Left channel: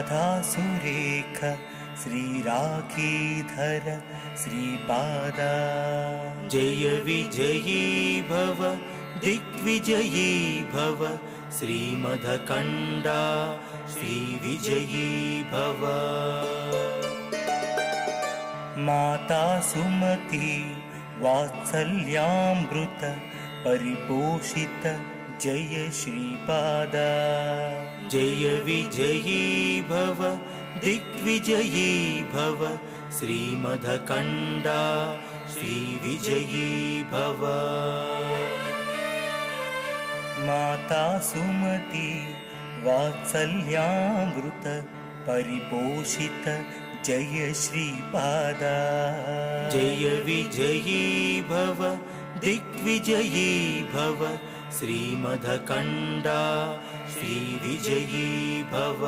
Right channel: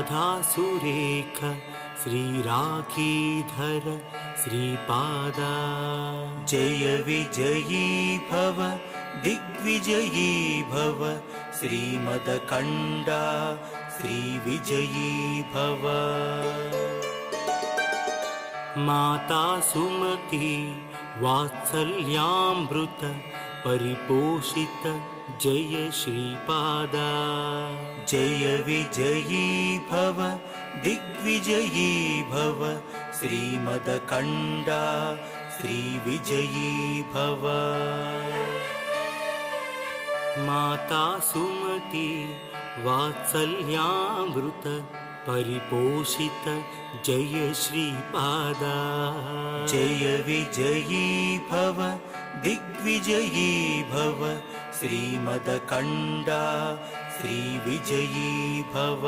राधा सुरेख श्रीराखीधर श्रीपादा जय विजयी भव दिग्विजयी भव श्रीमदकण्डा श्रीविजयी भव। माता सुमती वात्सल्यामृत परिपोषित जय श्रीपादा जय विजयी भव दिग्विजयी भव श्रीमदकण्डा श्रीविजयी भव। माता सुमती वात्सल्यामृत परिपोषित जय श्रीपादा जय विजयी भव दिग्विजयी भव श्रीमदकण्डा श्रीविजयी भव।